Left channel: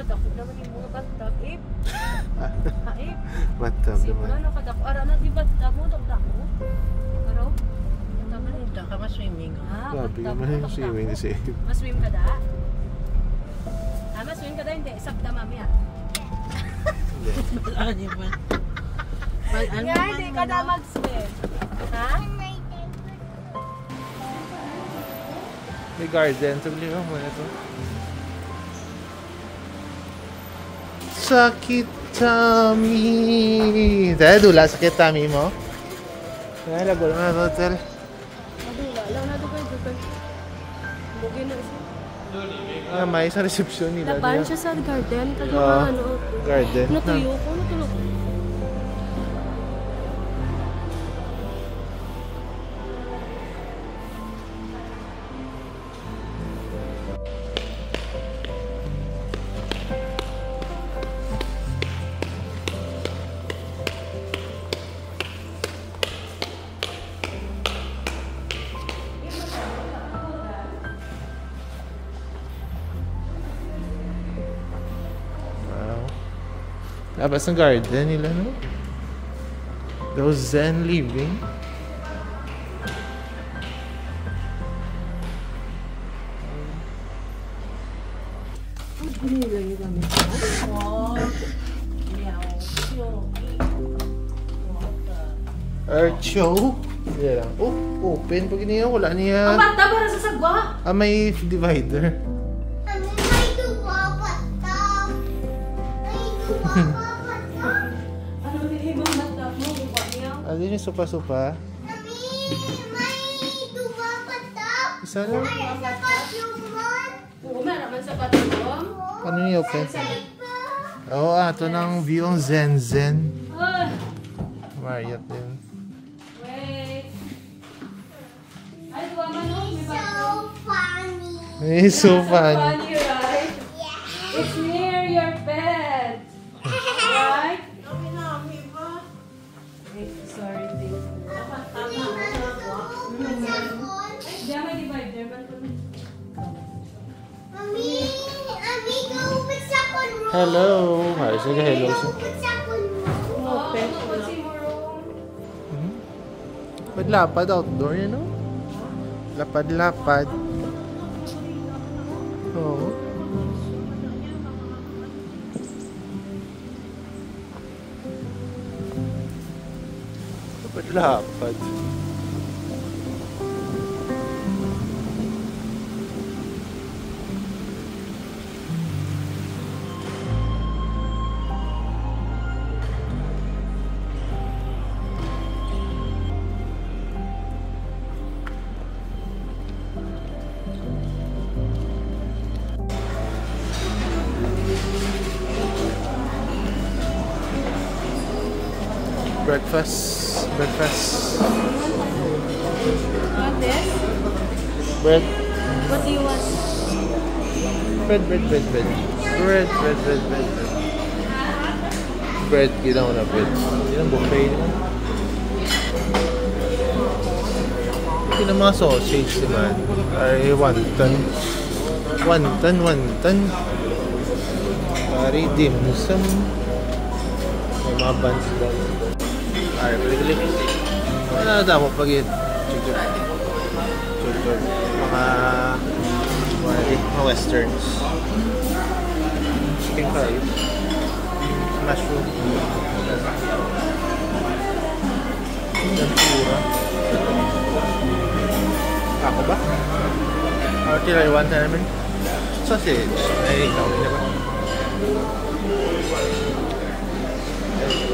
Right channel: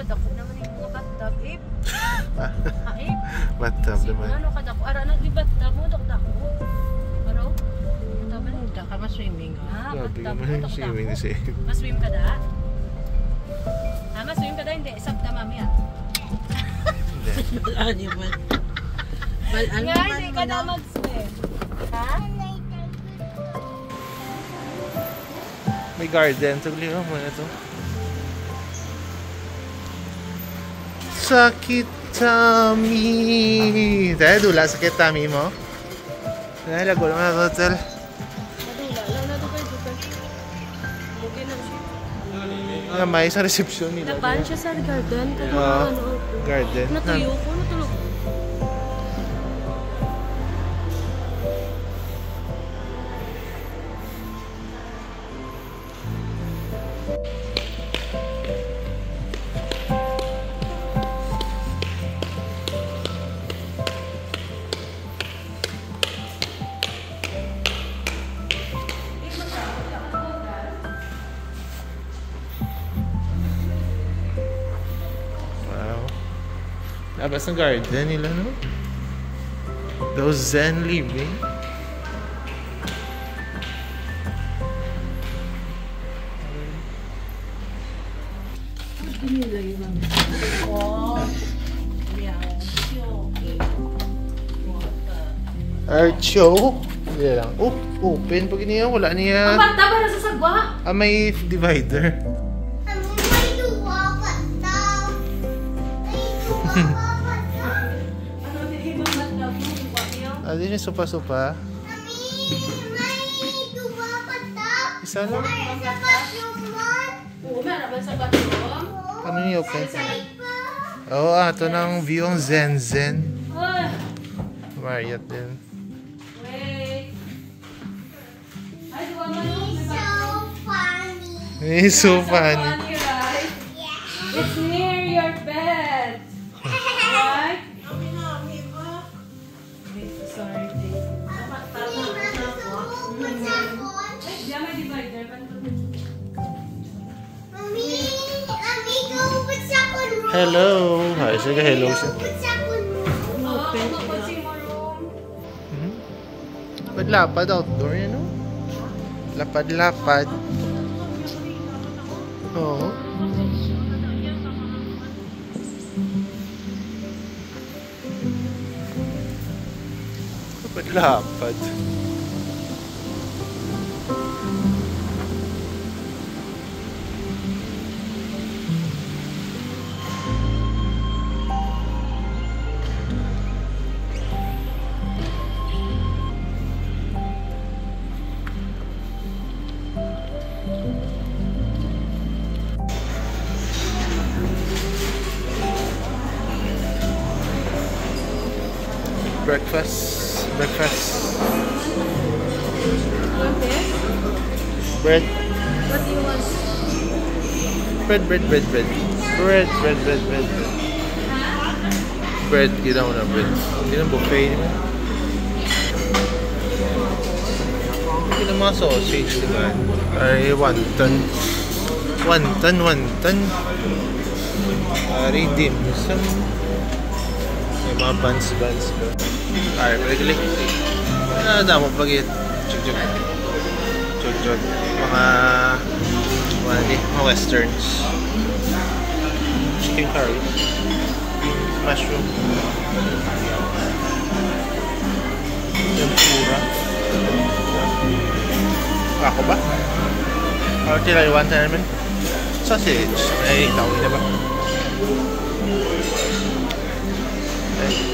kadako naman yung mga batag. Ip. Ip. Batag naman. Ano kadako? Ara na di batag mo dako. Aro? Punta ka ma-swimming. Grabe ka man yung swimming ni Seth. Mas-swim ka da? Mas-swim ka da? Hindi. Sabta mami Hindi. Balaan niyo ba? Balaan nga, hindi ka na mag-swim. Ha? May garden. Taglihan mo na to. Sakit tummy. Dahil dula, sakit tummy mo? Dahil lago naman na hotel. Madula. Lang na doon dito. Lugin na siya. May isang reception nila. Laban siya sa garden. Kagawa ano. Garden. Natuyo ko. Natulog. Labas ng garden nila, no? Those Zen living. Archo. Hindi lang. Oh, open. Pag niya, wala niya. Ang bata para sa sagwa? May divider. Ano yung supa-supa? Isa lang? Oo, meron sa bathroom. Ano yung open? Oo, ito ng view ang Zen. Marriott din. Wait. Ay, diba mo yung may bathroom? It's so funny. Right? It's near your bed. Right? Wait, sorry, Dave. Diyan may divider. Hello. Hi, sige, hello siya. Lapad outdoor yun, no? Lapad-lapad. Oo. Lapad-lapad. Breakfast. Want this? Bread. What do you want? Bread. Bread, kita mo na bread. Hindi na buffet naman. Hindi na mga sausage naman. Ay, wonton. Ay, dim sum. May mga buns. Ay, balik. Ano na mo pag Chug. Mga westerns. Chicken curry. Mushroom. Tempura. Ako ba? Ano tinaiwan tayo naman? Sausage. Ay, tawagin na ba?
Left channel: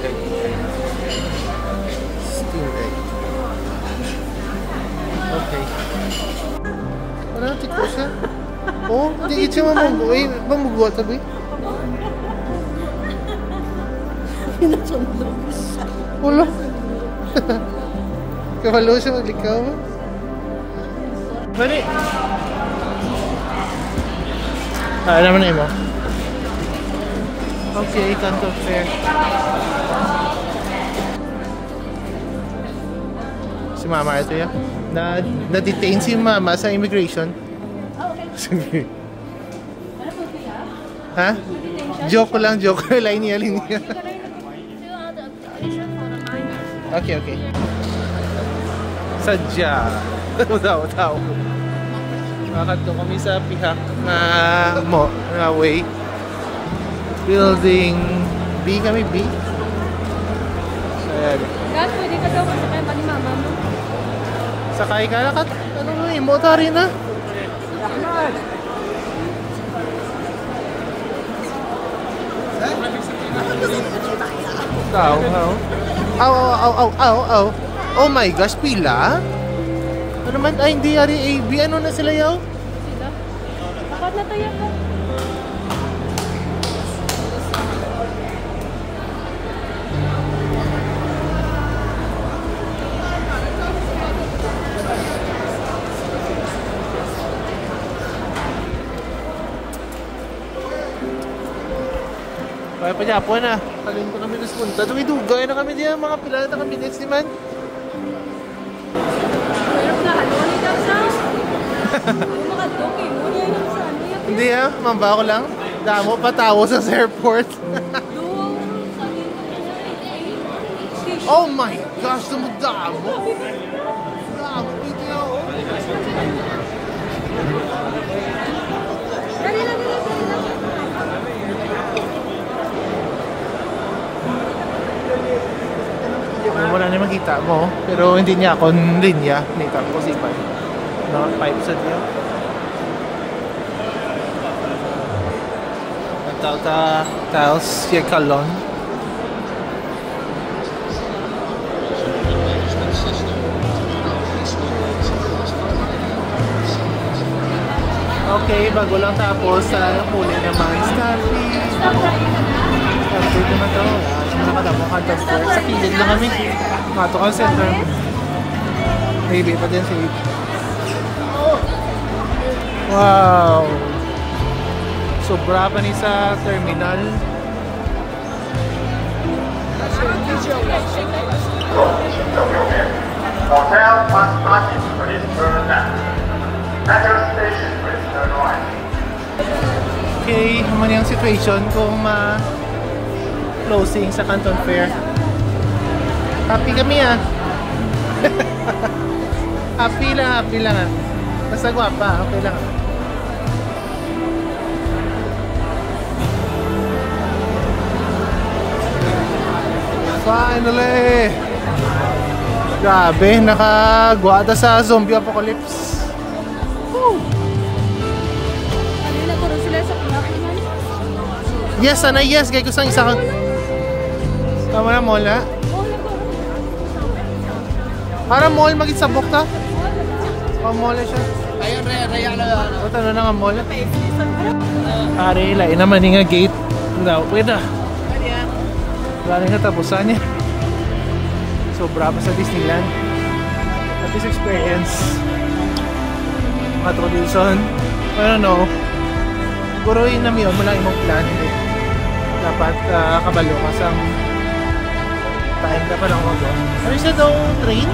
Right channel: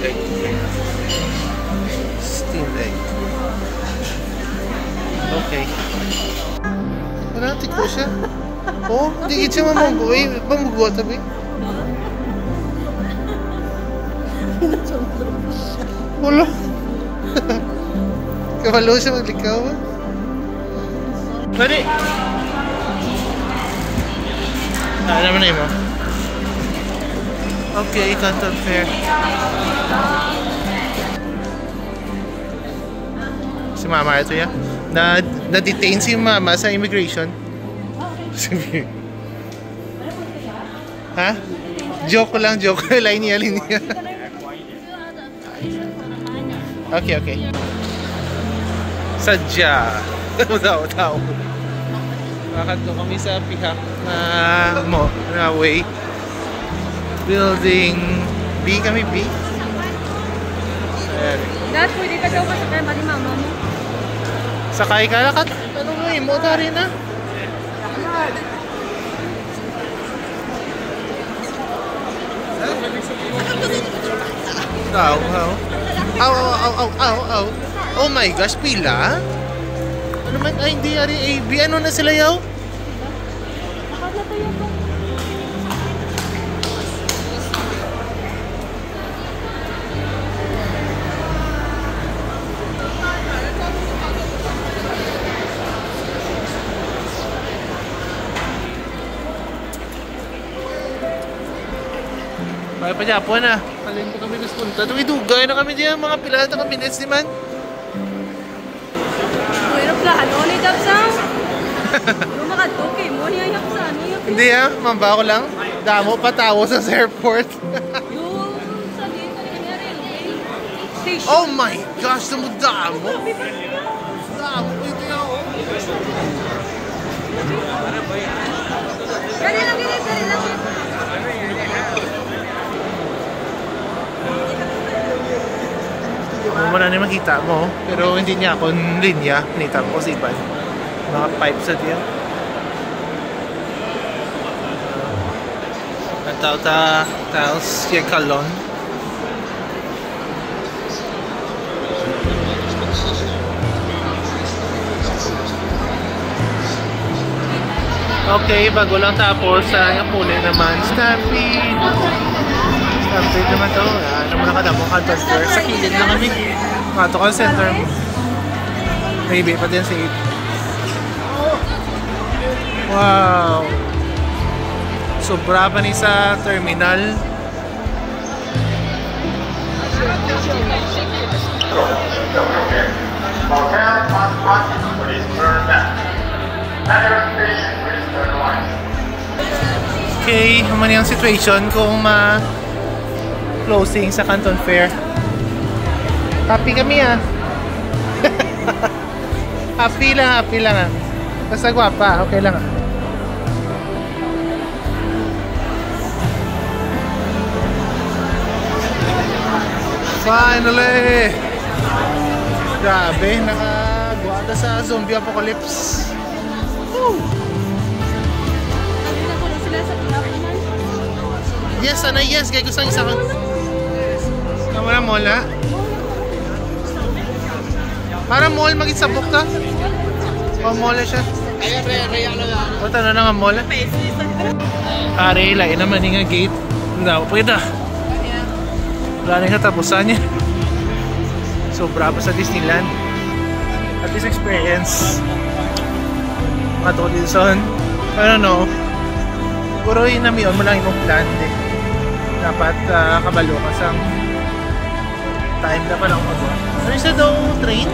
Egg. Steamed egg. Okay. Wala, tiko siya. Oh, hindi siya mamugo. Mamugo tabi. Wala. Kabalo siya maglikaw. Pwede. Ano naman na mo? Okay, Canton Fair. Si Mama ito yan. Na-detain si Mama sa immigration. Okay. Ano po siya? Ha? Joke lang, joke. Linya. Okay. Sadya. Tao. Nakakadto kami sa piha na way. Building B kami, B. Dad, pwede ka daw masakay ba ni mama mo? Sakay ka na kat. Ano mo yung motor rin na? Tao. Aw. Oh my gosh, pila? Ano man? Ay, hindi yari AB. Ano na sila yaw? Sila? Akad na tayo ka. Baya pa Japon na. Kalin ko kami naspunta. Dugay na kami diyan. Mga pila na kami minutes ni man. Mayroon ka, ano ni daw sa? Makadokay mo, niya yung sa ano yung... Hindi mamba ko lang. Damo patawo sa airport. Oh my gosh, damo. Damo, ito yan. Dali lang. Amo mo na naman makita mo. Pero hindi niya ako linya. Nita ko si Ivan. Mga pipe sa diyo. Taos yung kalon. Okay, bago lang tapos yung huli naman. Stampede naman to. Ano mo nakadamong contester. Sa kilid lang kami. Mato call center. Maybe pa din si 8. Wow! Sobra pa ni sa terminal. Hotel Masbate, please turn left. Metro station, please turn right. Okay, naman yung situation kung closing sa Canton Fair. Happy kami happy lang Basta gwapa, okay lang. Finally! Grabe, nakagwada sa zombie apocalypse. Woo! Kanina ko rin sila sa plak naman. Yes, yes. Kaya isang isa ka. Tama na, mall na. Para mall mag-isabok ta. O, mall na siya. O, tanong na nga mall na. Are, lain naman nga gate. Pwede. Wala na yung katapusan niya. Sobra pa sa Disneyland. At least experience. Mato Dilson. I don't know. Puro yun naman yun. Malang imong plan. Dapat kabalo ka sang time na pa lang mag-go. Ano isa daw train?